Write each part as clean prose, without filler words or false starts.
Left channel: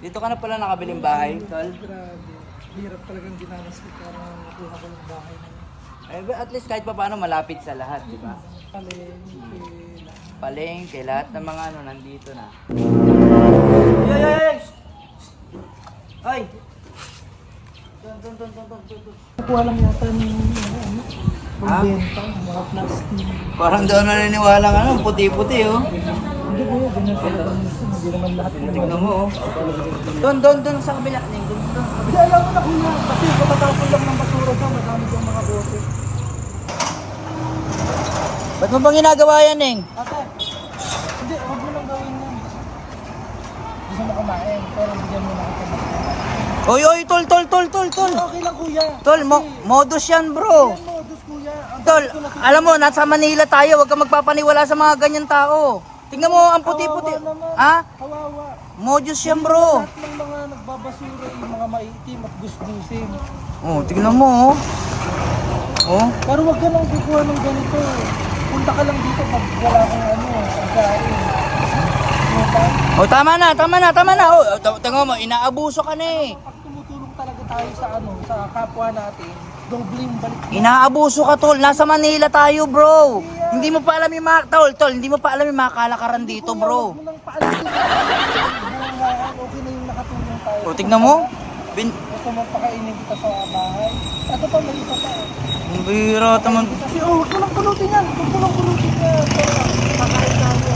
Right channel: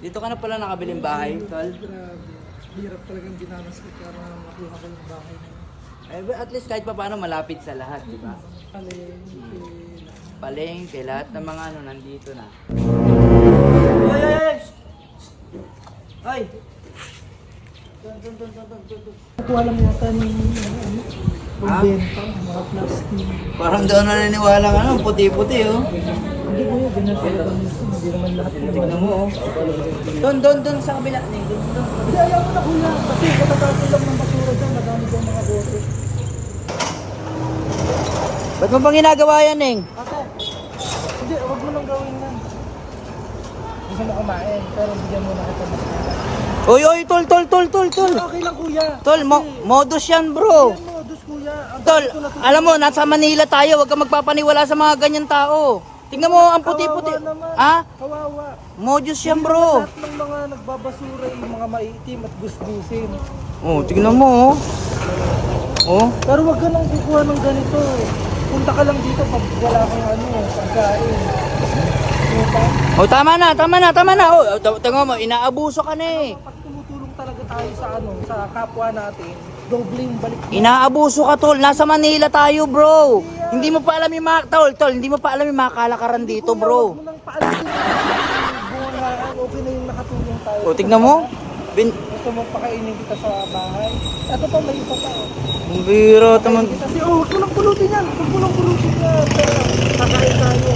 Dito ka na pala nakabiling bahay, tol. Grabe. Hirap talagang dinanas ko para makuha ko yung bahay na yun. Eh, at least kahit pa paano malapit sa lahat, di ba? Palengke. Palengke, lahat ng mga ano nandito na. Ay! Doon. Nakuha lang yata ng benta, mga plastic. Parang doon naniniwala nga ano, puti-puti oh. Hindi ko yun, ganyan talaga minsan. Hindi naman lahat ng Tignan mo oh. Doon sa kabila. Doon sa kabila. Hindi, ayaw mo na kuya. Kasi katatapon lang ng basura dyan. Madami dyan mga bote. Huwag mo bang ginagawa yan, Neng? Ate, hindi, huwag mo nang gawin yan. Gusto mo kumain, pero bigyan mo na kita ng Oy, tol. Okay lang kuya. Tol, modus yan, bro. Yan mo, dus kuya. Ang Tol, dami ko na- alam mo, nasa Manila tayo. Huwag kang magpapaniwala sa mga ganyan tao. Tingnan mo, ang puti-puti. Kawawa naman. Ha? Kawawa. Modus yan, Hindi bro. naman lahat ng mga nagbabasura yung mga maitim at gusgusin. Oh, tingnan mo, oh. Oh. Pero wag ka nang kukuha ng ganito. Punta ka lang dito pag wala kang pagkain. Diba? Oh, tama na. Oh, tingnan mo, inaabuso ka na eh. Pag tumutulong talaga tayo sa kapwa natin, dobling balik. Inaabuso ka, tol. Nasa Manila tayo, bro. Hindi mo pa alam yung mga, tol, hindi mo pa alam yung mga kalakaran dito, Kuya, bro. wag mo nang paalisin. Bunga, okay na yung nakatulong tayo. O, tignan mo. Gusto mo pakainin kita sa bahay. Ito pa, may isa pa. Ang biro, taman. Kasi kulang pulutin yan. Kulang pulutin na. Kakain tayo.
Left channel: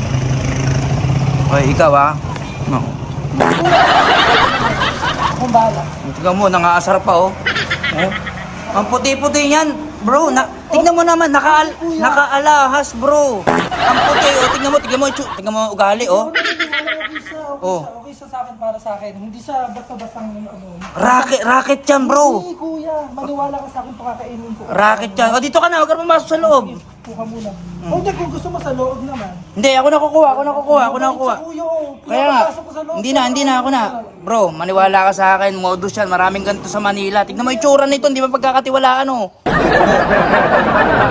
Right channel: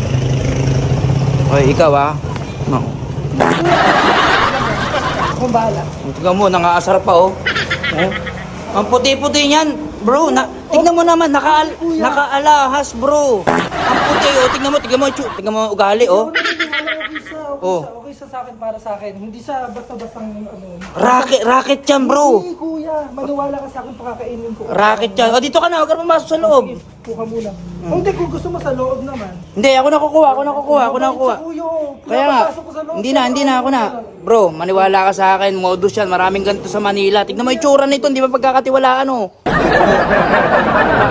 Ay, ikaw ah. No. Kung bahala. Tignan mo, nangaasar pa oh. Oh. Ang puti-puti niyan, bro. Tignan mo naman, nakaalahas, bro. Ang puti, oh. Tignan mo ugali, oh. Oh. Okay sa akin para sa akin. Hindi sa basta-bastang Racket yan, bro. Hindi kuya, maniwala ka sa akin pakakainin ko. Racket yan. O, dito ka na, huwag ka pumasok sa loob. Kuha muna. Hindi, kung gusto mo sa loob naman. Hindi, ako nakukuha. Sa kuya, Kaya nga, pinapapasok ko sa loob. hindi na, ako na. Bro, maniwala ka sa akin, modus yan. Maraming ganito sa Manila. Tignan mo yung tsura nito, hindi mo pagkakatiwalaan, oh.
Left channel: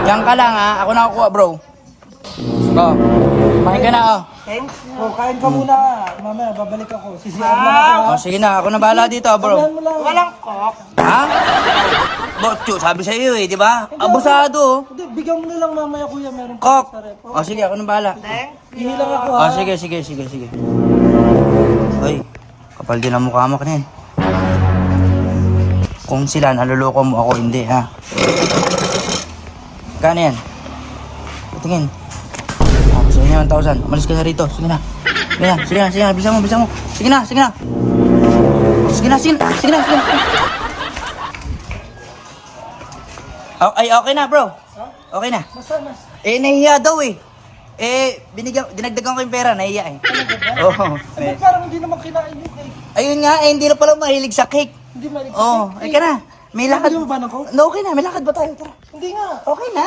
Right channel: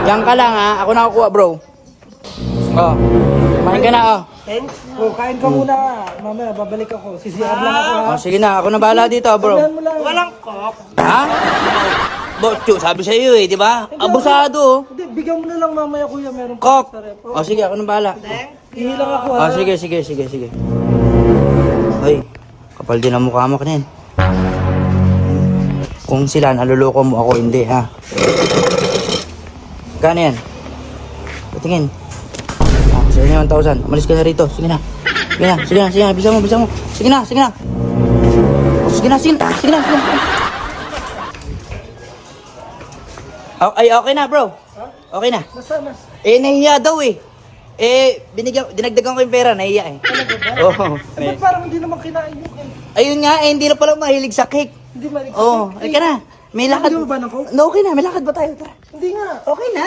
Yan ka lang, ha. Ako nakukuha, bro. Oh, kumain ka na, oh. Thanks. Kain ka muna. Mamaya, babalik ako. CCR lang ako ha. Oh, sige na, ako na bahala dito, bro. Sabihan mo lang. Walang kop. Ha? Bo, sabi sa iyo, eh, di ba? Abusado, oh. Hindi, bigyan mo na lang mamaya kuya. Meron pa Kok. sa rep. Oh, sige, ako na bahala. Ihi lang ako ha. Oh, sige. Ay, kapal din ang mukha mo kanyan. Kung sila naluloko mo, ako hindi, ha? Kano yan? Patingin. Sige na, 1,000. Malis ka na rito. Sige na. Bisa mo. Sige na. Ay, okay na, bro. Okay na. Nasaan na? Eh, nahihiya daw eh. Dinagdagan ko yung pera, nahihiya eh. Oo. Ba't parang hindi naman kinain yun eh? Ayun nga, hindi na pala mahilig sa cake. Hindi malig sa Oo, cake. ka na. May lakad. Hindi mo ba ng coke? No, okay na, may lakad ba tayo? Tara. Hindi nga. Okay na.